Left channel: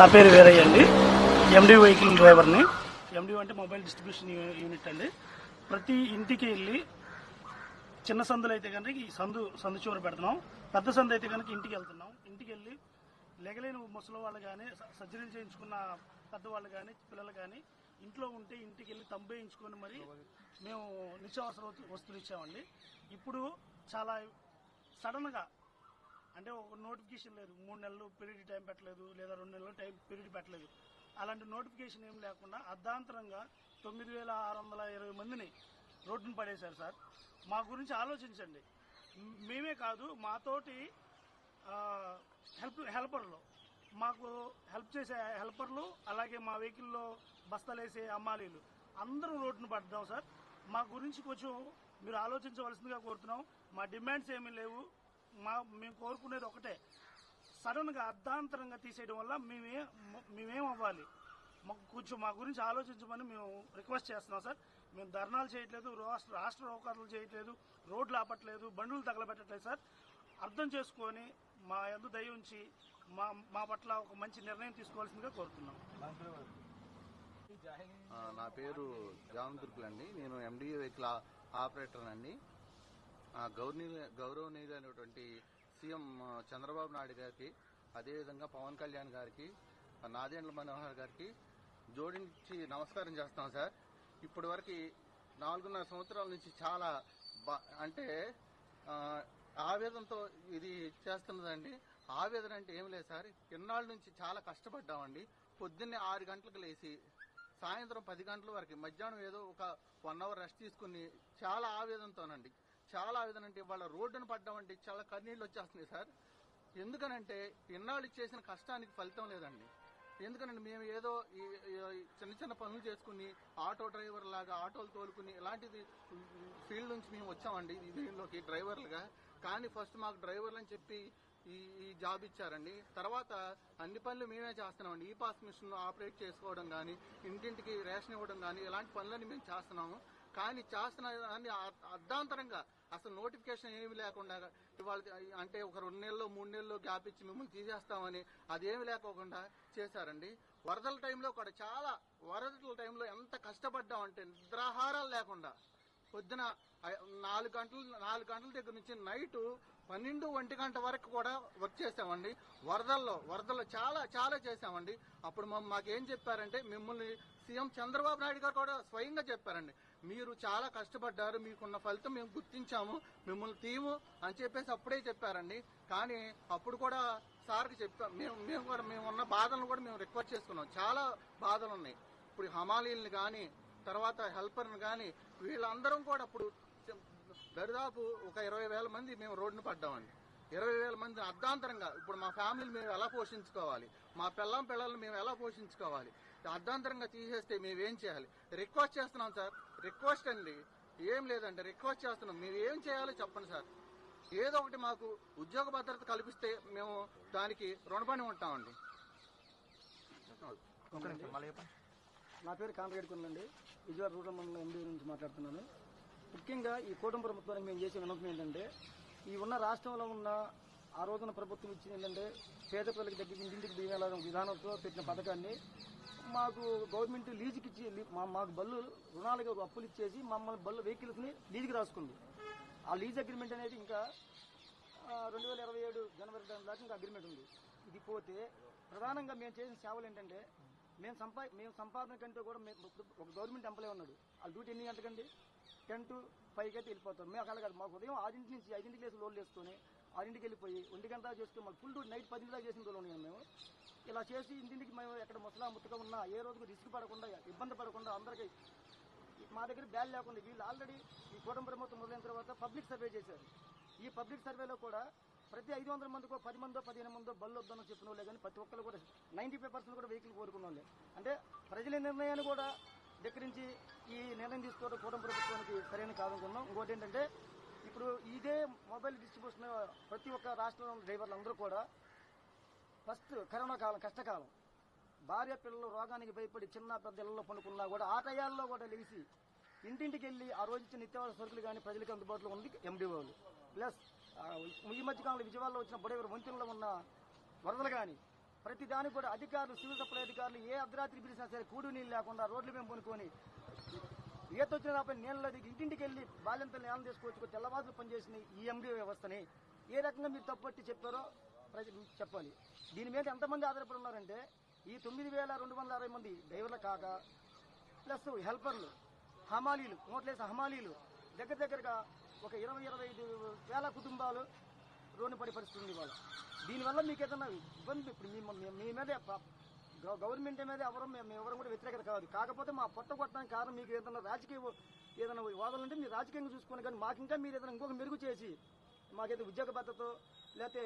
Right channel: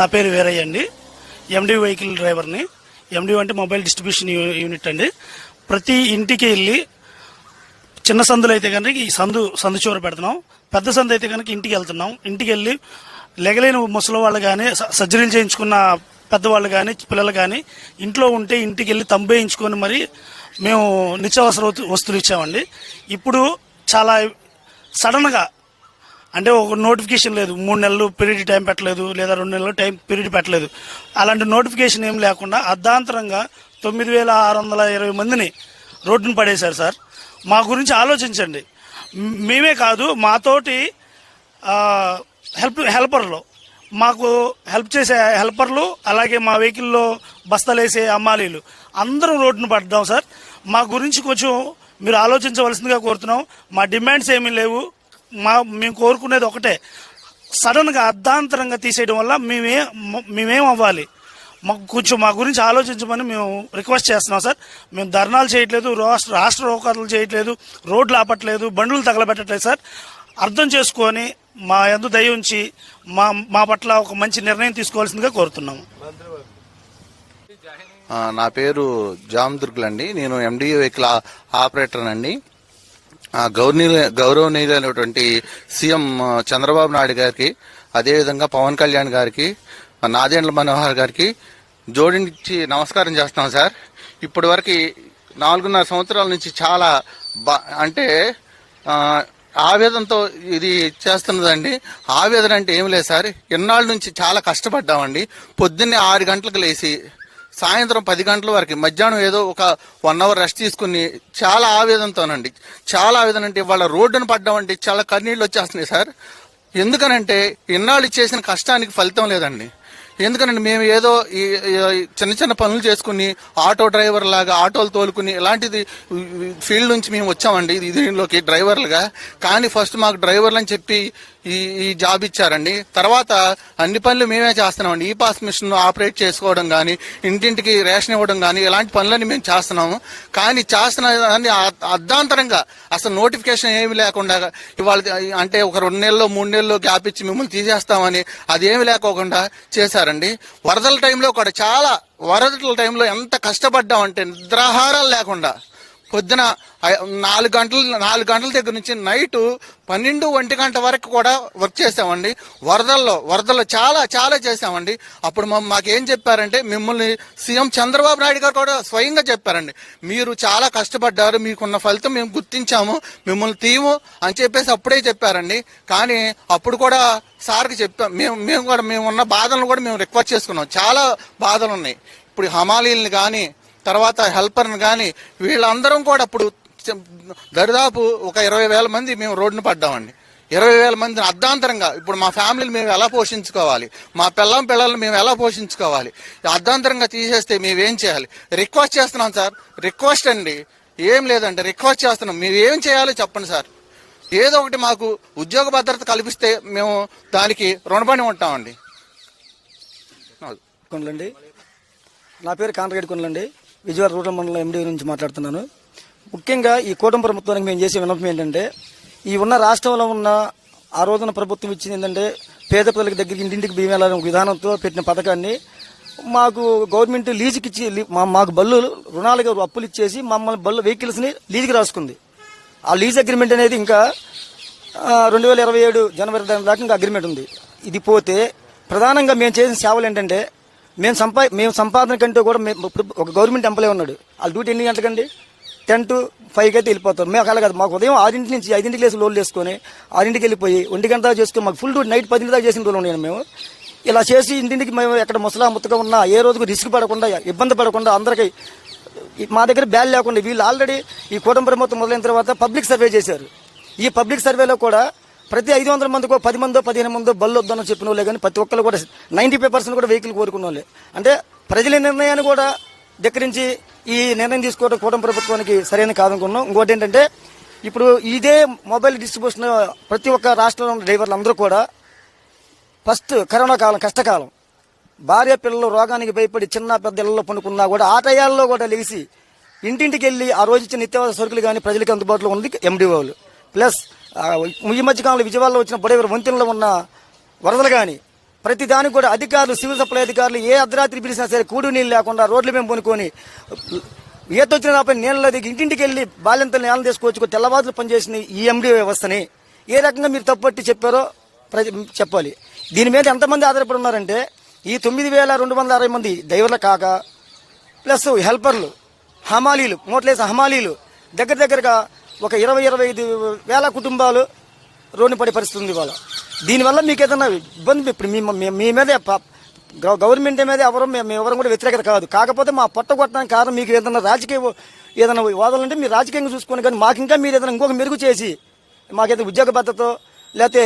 నా పేరు వీరయ్య అండి. ఎండి వెహికల్ డ్రైవర్ని. ఎండి అంటే మొబైల్ డిస్ట్రిబ్యూషన్ యూనిట్ అండి. ప్రతి ఇంటికి వెళ్ళి చిన్న సందులు అయితే కనుక ఈ సందు చివర పెడుతున్నాం. పెద్ద సందు అయితే కనుక ఇంటికి వెళ్తున్నాం. ఇంటికి వెళ్ళి లెగలేని ముసలి వాళ్ళు కానీ, సర్జరీలు చేయించుకున్న పెద్దవాళ్ళు కానీ, పిల్లలు కానీ ఇంట్లో ఉంటే ఇంటికి వెళ్ళి తంబేయించుకొని మరి మేము నిత్యావసర వస్తువులు ఇచ్చామండి. ఇప్పుడు చాలా సడన్గా అంటే ఒక నోటిఫికేషన్ లేదు, 3 నెలలు పీరియడ్ టైం పెట్టలేదు, లేదా 2 నెలలు టైం పీరియడ్ పెట్టలేదు. అలాంటి నోటిఫికేషన్ ఏం లేకుండా అర్ధాంతరంగా 9,620 మందిని రోడ్డును పడేశారు సార్. మా గురించి ఆలోచించండి. మేమే కాదు, మాతోటి హెల్పర్లు, మాకు హెల్ప్ చేసే హెల్పర్లు, అలాగే మా వెహికల్లో బస్తాలేసే అమ్మాలీలు అందరం రోడ్డును పడ్డాం సార్. మా గురించి కొంచెం మీరు ఆలోచించవలసిందిగా కోరుతున్నాం. మా డిమాండ్స్ ఏమీ లేవు. మేము కోరుకునేది ఒకటే, సడన్గా అర్ధాంతరంగా తీసేయడం వల్ల మేమేం అవ్వాలి, కొంచెం మా గురించి ఆలోచించమని మేము రిక్వెస్ట్ చేస్తున్నాం సార్. మేము ధర్నాలు చేయట్లేదు, రాష్ట్ర రోకాలు చేయట్లేదు, రోడ్లు ఆపట్లేదు, బండ్లు తగలబెట్టట్లేదు సార్. అర్థం చేసుకొని మా యందు దయ ఉంచి మా పట్ల ఒక మంచి నిర్ణయం తీసుకోవాల్సిందిగా కోరుతున్నాము. నా పేరు జామదుర్గులు అండి. నేను ఎండిఏ వెహికల్ ఆపరేటర్ అండి. గౌరవనీయులైనటువంటి సీఎం చంద్రబాబు నాయుడు గారికి, అదేవిధంగా పవన్ కళ్యాణ్ గారికి, నాదెండ్ల మనోహర్ గారికి జోడించి నమస్కారం చేస్తున్నాం సార్. ఇప్పటి వరకు 4.5 సంవత్సరాల నుంచి చాలా అంటే ఆవేదనతో ఇది చేస్తున్నదండి. ఆవేదన అంటే ఏం లేదు సార్, ఎన్నాళ్ళ నుంచి చాలా కష్టపడ్డామండి. పొద్దున్నే 6 గంటలకు లేచి సాయంత్రం 10 గంటల వరకు, మధ్యాహ్నం ఏదో ఒక 1 అవర్ రెస్ట్ తీసుకుని చాలా ఆవేదనతోనండి. చాలా ఆవేదన అంటే ఇవాళ రోడ్డును పడ్డామంటే చాలా కన్నీళ్ళు వచ్చేస్తున్నాయి సార్. ఎందుకనంటే ఇన్నాళ్ళు చేసిన కష్టానికి ఫలితం లేదండి. ఎందుకనంటే మేము ఏదో ఈ చిన్న చిన్న పనులు చేసుకుని ఆటో డ్రైవర్ లాగా ఆటోలు తోలుకుని ఇలాంటిది ఫీల్డ్ నుంచి మేము వచ్చామండి దీనిలోకి డ్రైవర్లుగా. కానీ ఫస్ట్ మాకు డ్రైవర్లు అని చెప్పి ఈ జాబ్ ఇచ్చారండి. తర్వాత అన్ని పనులు మేమే చేస్తున్నామండి. ఈ పాస్ మిషన్ ఆపరేట్ చేసుకోవడం కానీ, ఇంటింటికి రేషన్ ఇవ్వడం కానీ, ఇలాంటి పనులన్నీ మేము చేస్తున్నాము. కానీ చేస్తున్న అర్ధాంతరంగా అసలు నోటిఫికేషన్ ఏమి లేకుండా ఇవాళ అంటే ఒక 2 నెలల్లో 3 నెలల్లో గ్యాప్ ఇచ్చి మిమ్మల్ని తీసేస్తామని అదేమి లేకోకుండా చేశారండి. వరదల టైంలో కూడా వరదల టైంలో ఎంత కష్టపడ్డామంటే నిద్రాహారాలు లేకుండా పొద్దున 4 గంటల దగ్గర నుంచి నైట్ 12-1 గంట వరకు కూడా వర్క్ చేసామండి. వరదల్లో చాలా చేసామండి. అప్పుడు మాకేం చెప్పారంటే, మిమ్మల్ని సీఎం చంద్రబాబు నాయుడు గారు కూడా స్వయంగా చెప్పారండి, మీరు చాలా కష్టపడ్డారు, మీకున్న ఫలితం మేము గుర్తించాము, మిమ్మల్ని తీము అని చెప్పేసి అప్పుడే చెప్పారండి. కానీ అప్పుడు కూడా సార్కి చెప్పాం, మేము ఉన్న బాధలను కూడా మేము రిక్వెస్ట్ చేసుకున్నాం. చాలా బాధలు ఉన్నాయి. ఇప్పుడు హమాలీలను కానీ, తర్వాత హెల్పర్ని కానీ, వీళ్ళందరం కూడా అప్పుడు దరిదాపు ఒక 20,000 మంది మేము రోడ్డున పడ్డామండి. 20,000 మందిని అర్ధాంతరంగా ఇప్పుడు మా ఫ్యామిలీని మేము ఎలా పోషించుకోవాలి, మా పిల్లల్ని మేము ఎలా పోషించుకోవాలి, అర్ధాంతరంగా తీసేస్తే మేమేం చేయాలి? రిక్వెస్ట్ చేస్తున్నాం సార్, రిక్వెస్ట్ అండి, ఏం లేదండి, రిక్వెస్ట్ చేస్తున్నాం. మేము ఏం చేయాలో చెప్పండి సార్. ఏదో ఒకటి మాకు ఉద్యోగ భద్రత కల్పిస్తే మేము దానికి రుణపడి ఉంటామండి. కొండలండి, నా పేరు కాంట్రాక్ట్ కొండలండి, విజయవాడ రూరల్ మండలం ఎండీ నుంచి మాట్లాడుతున్నాను. ముఖ్యంగా ఈ కూటమి ప్రభుత్వానికి మేము చేసే విన్నపం ఏంటంటే, ఈ ఉన్న రాష్ట్రంలో ఉన్న ఆ రోజున ప్రభుత్వం ఇచ్చింది ఏంటంటే, పేద ప్రజలకు దగ్గరికి ఇంటింటికి బియ్యం వెళ్ళాలనే విధానంతో పెట్టిన పథకాన్ని మాకు గవర్నమెంట్ లీజుకి ఇచ్చి మాకు బళ్ళు రుణాలుగా అప్పులు ఇచ్చేసి మమ్మల్ని బళ్ళు వెహికల్స్ని లీజుకి రాసుకుంది. ఆ లీజ్ అగ్రిమెంట్ అనేది ఇంకా 2027 జనవరి దాకా ఇంకా అగ్రిమెంట్ ఉంది. ఇది పోతే ప్రధానంగా మేము చేసిన సేవలు ఏంటంటే, మేము సంపాదన కంటే కూడా ఒక గవర్నమెంట్ ఎంప్లాయీ ఉన్నాడు, వాళ్ళ డ్యూటీ ఎన్ని గంటలకండి? 10 to 5 అయితే వెళ్ళిపోతాం. మేము అలా కాదు, మాకు ఉదయం 6 నుంచి 5 లేసి లోన్లు వేసుకొని 6 వెళ్ళిపోయి 1 గంట దాకా చేసుకుని మాకు ఫుల్ డ్యూటీ నైట్ 10 దాకా చేసిన రోజులు ఉన్నాను. మేము ఇలా చేసి ఇంటింటికి మేము ఎక్కడ ముత్తగా ఉన్నా ఏ రోజుకు రిస్క్ పడకుండా, ఇబ్బంది పడకుండా, అందరికీ మా దగ్గర బ్యాల్ లేకుండా, వీళ్ళు ఆల్రెడీ ఈ కూటమి ప్రభుత్వం మొదలైన తర్వాత పబ్లిక్ సర్వే చేశారు. ఈ పబ్లిక్ సర్వేలో కూడా ప్రతి 500 మందికో 10 మందో 15 మందో బళ్ళు వద్దని చెప్పిన వాళ్ళే, కానీ ప్రతి ఒక్కరు కూడా 95% కూడా వెహికల్ కోరుకున్న వాళ్ళే. అంటే ప్రజల నిర్ణయాన్ని కూడా ధిక్కరించి ఈ నిర్ణయం తీసుకోవడం కూటమి ప్రభుత్వానికి సరైన కాదనుకున్నాం. ఇంకోటి ఏంటంటే, ఇప్పుడు ఇదే మొబైల్ డిస్ట్రిబ్యూషన్ ప్రతి ఒక్క రాష్ట్రంలో ఉన్న డ్రైవర్లు అందరూ కూడా ఫస్ట్ కరోనా కాలం, కష్టకాలం, భార్య పిల్లలు రోగానికి భయపడి చిన్న పెద్ద ఇళ్లలో పండుకున్నా కూడా ఆ టయాల్లో కూడా లేచి ఇంటింటికి వెళ్ళి ఆ రోజు ఇచ్చిన నిత్యావసర సరుకులు కానీ ప్రజలకు అందుబాటులో ఉంది ఎండిఓలు. ప్లస్ ఈ మధ్యకాలంలో విజయవాడలో వచ్చిన బొడేవర వంతెనలో ఉన్న వరదలు కానీ ప్రతి దానికి కూడా అధికారులు, సివిల్ సప్లై అధికారులు ఏ అర్ధరాత్రి పిలిచినా సరే కూడు నీళ్ళు లేకుండా రోడ్ల మేము పొనుకొని ఈత వచ్చిన రాపై నీళ్ళ దగ్గర ఇంటింటికి వెళ్ళి బాల్యంతలు నేలను తీసుకొచ్చుకో తెల్లవారులు పనిచేసిన ఈ ఎండిఓ వ్యవస్థని ఏ రకంగా మీరు తప్పుపట్టి చెప్పారో చెప్పాలి. దీని మీద ఎంతమంది ఆధారపడి ఉన్నారంటే, ఈ 9,260 మంది డ్రైవర్లు కాక ప్లస్ హెల్పర్లు, హమాలీలు, మోట్లేసిన హమాలీలు దగ్గరగా ఒక 20-25 వేల కుటుంబాలు రోడ్డు పడే పరిస్థితి ఉంది ఇవాళ. దీనివల్ల మీకు ఏదైనా ఇబ్బంది, ఇప్పుడు మీ మీద గవర్నమెంట్ మీద మేము ఎవరు కూడా వ్యతిరేకత కాదు, కాకపోతే మా పొట్ట కొట్టడానికి కారణం మీకు ఏదైనా వాదాలంటే మీరు రాజకీయంగా చూసుకుని, కానీ మాకు ఇంకా మీరు ఏదైనా ఇంకొక మెరుగు చేసి మాకేదైనా ఉద్యోగ భద్రత లేకపోతే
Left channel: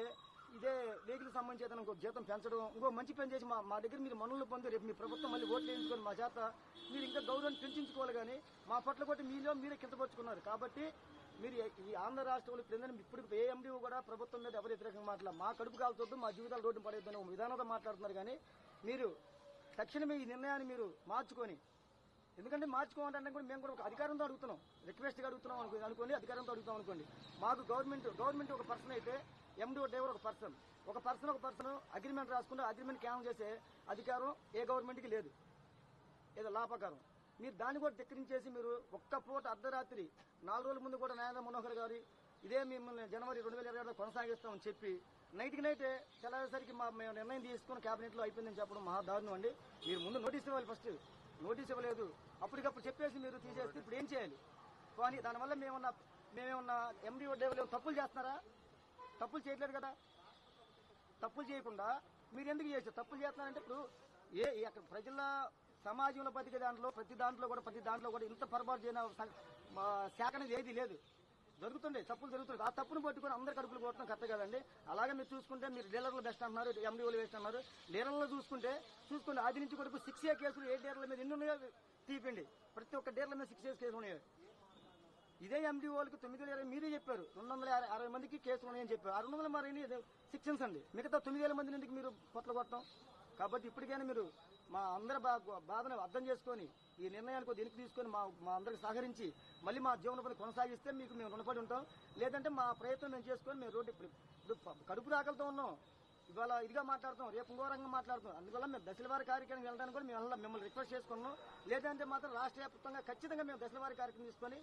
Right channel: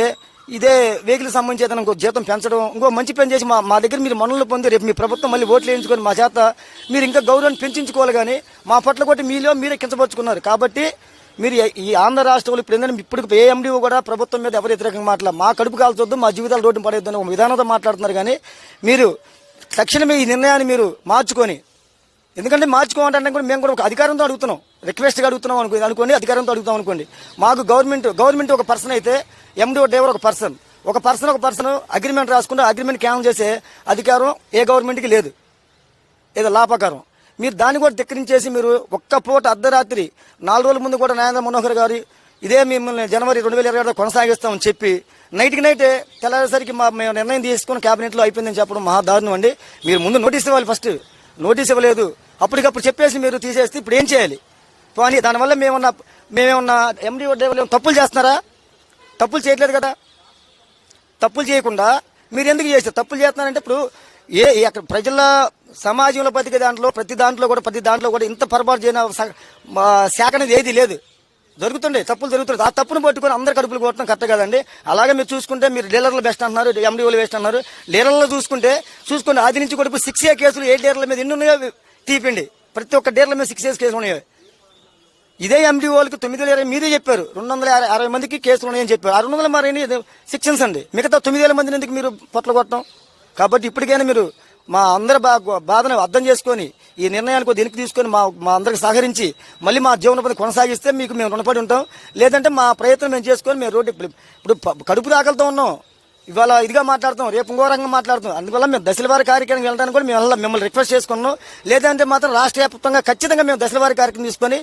ఇదే వెహికల్ సంబంధించి ఏదైనా ఇంకో జీతం పెంచడం, ఇంకో మంచి పని చేసి మా దగ్గర మీరు మనులు పొంది రేపు మీ ప్రభుత్వం మళ్ళీ ఓట్లు వేయించుకొని మా చేత మీరు ఇంకా గౌరవాన్ని పెంచుకోవాలి. కానీ మా పట్ల కొట్టి మీరే కించపరుచుకున్నారు. కాబట్టి మీరు ఈ ఆంధ్ర రాష్ట్రంలో ఇప్పుడు ఏంటంటే, ఇప్పుడు ఏ ఎండిఓ కూడా ప్రభుత్వం మీద ఎవరు వ్యతిరేకంగా మాట్లాడారు, మా కడుపు కాల్చొద్దు, మా జీవితాలు రోడ్డు పడేద్దని ఒక విధానంతో మాట్లాడుతున్నారు. కానీ మీరు తక్షణమే ఈ నిర్ణయాన్ని మీరు మార్చుకొని, ఎందుకంటే మార్చుకోవాలంటే కూడా మేము కూడా ఒక అధికారంతో అడుగుతున్నాం, రిక్వెస్ట్గా అడుగుతున్నాం అనుకోండి, అధికారంతో అడుగుతాం అనుకోండి. మాకు గవర్నమెంట్ ఒక పర్సన్ అయితే ఎండిఓ డ్రైవర్ ఒక పర్సన్ అగ్రిమెంట్ రాసుకుంటే అగ్రిమెంట్ క్యాన్సిల్ చేసే అధికారం ఏ గవర్నమెంట్కి లేదు, ఏదో లా ప్రకారం. మీరు దాన్ని కూడా ధిక్కరించేసి మీరు ఒక్క పూట అర్ధరాత్రి 4 రోజుల ముందు కూడా నరేంద్ర మనోహర్ గారు ఇదే మిమ్మల్ని జనవరి 2027 కొనసాగిస్తామని చెప్పి నైట్కి నైటే తెల్లారేసరికి మేము నిర్ణయం తీసుకుని క్యాబినెట్లో అయిపోయిందని చెప్పడం మహా దారుణం అండి. మీరు ముందు నోటీస్ ఇవ్వాలి, ఫస్ట్ నోటీస్ ఇవ్వలేదు, అప్పటికప్పుడు చెప్పేసి మీరు తీసేస్తే ఇప్పుడు ఏం చేయాలి? పోనీ దానివల్ల మేమేమన్నా ఎండిఓ డ్రైవర్లు తప్పులు చేస్తున్నారా? తప్పులు చేయట్లేదు కదా. తప్పులు చేయకుండా మీరు ఎందుకు చేస్తారు? తప్పులు చేస్తున్నారంటే ఇప్పుడు అక్కడ ప్రజల సమాజంలో బతికే ప్రతి దాంట్లో కూడా ఇంత పొరపాటు చేయన శాఖ అనేది ఏది లేదు. తప్పులు జరుగుతుండే ఆ తప్పును పట్టుకొని అందరు కడుపులు కొట్టడం కరెక్ట్ కదండి. అలాగే మీరు చూసుకుంటే మీరు డీలర్లు బెస్ట్ అంటున్నారు, ఎండిఓలు బెస్ట్ అన్నారు. డీలర్లు చూసుకుంటే ఆది నుంచి కూడా 6A కేసులు 8 డీలర్ల మీద ఎన్ని ఉన్నాయో తీపండి. ప్రతి ఒక్క డీలర్ల మీద 6A కేసులు ఉన్నాయి. ఇదే ఎండిఓలకు 9,020 మీరే చెప్పారు, 260 మందికి కేసులు ఉన్నాయని చెప్పారు. 600 మరి సెక్షన్స్ అండి, మిగతా 9,000 మందిని ఎందుకు మీరు పొట్ల కొట్టడం? కాబట్టి ఇప్పటికైనా మీరు మా అందరి బాధను అర్థం చేసుకొని ఈ నిర్ణయానికి దీనికి తీసుకొని మా అందరికి సహకరించి మళ్ళీ మా జీవనోపాధి కొనసాగిస్తే మీకు మేము రుణపడి ఉంటాం. లేదంటే మా ప్రయత్నం మేము చేసుకొని మేము రోడ్డు ఇప్పుడు కడుపు ఆకలితో ఉన్నాం. ఇవాళ ఇదిగా మాట్లాడుతాం, రేపు ఇంకో రంగం మాట్లాడుతాం. అందువల్ల మేము దశల వారి కార్యక్రమం వెళ్ళడానికి కూడా మేము మిమ్మల్ని రిక్వెస్ట్ చేసుకున్నాం. లేదంటే మాత్రం రాష్ట్ర వ్యాప్తంగా ఖచ్చితంగా మేము దశల వారి కార్యక్రమం తీసుకొని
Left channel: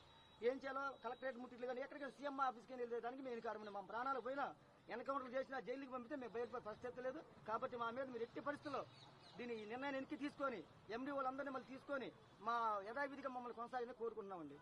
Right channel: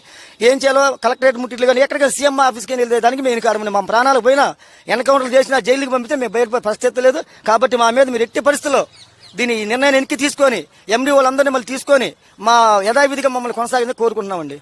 ఏం చేయాలో కలెక్టరేట్ ముట్టిట్లు కానీ ఎక్కడికైనా సీఎం ఆఫీస్కి వెళ్ళే దానికి మేము కారణం. మా ప్రాణాలు పోయినా ఎన్కౌంటర్లు చేసినా జైలుకి పంపితే మేము బయటపడే పరిస్థితి లేదు. కాబట్టి మా మీద మీరు ఎట్టి పరిస్థితుల్లో దీని నిర్ణయాన్ని వెనక్కి తీసుకొని ఎండి వాళ్ళందరినీ మళ్ళీ తీసుకొని మా యథావిధిగా మమ్మల్ని కొనసాగిందని కోరుకుంటున్నామండి.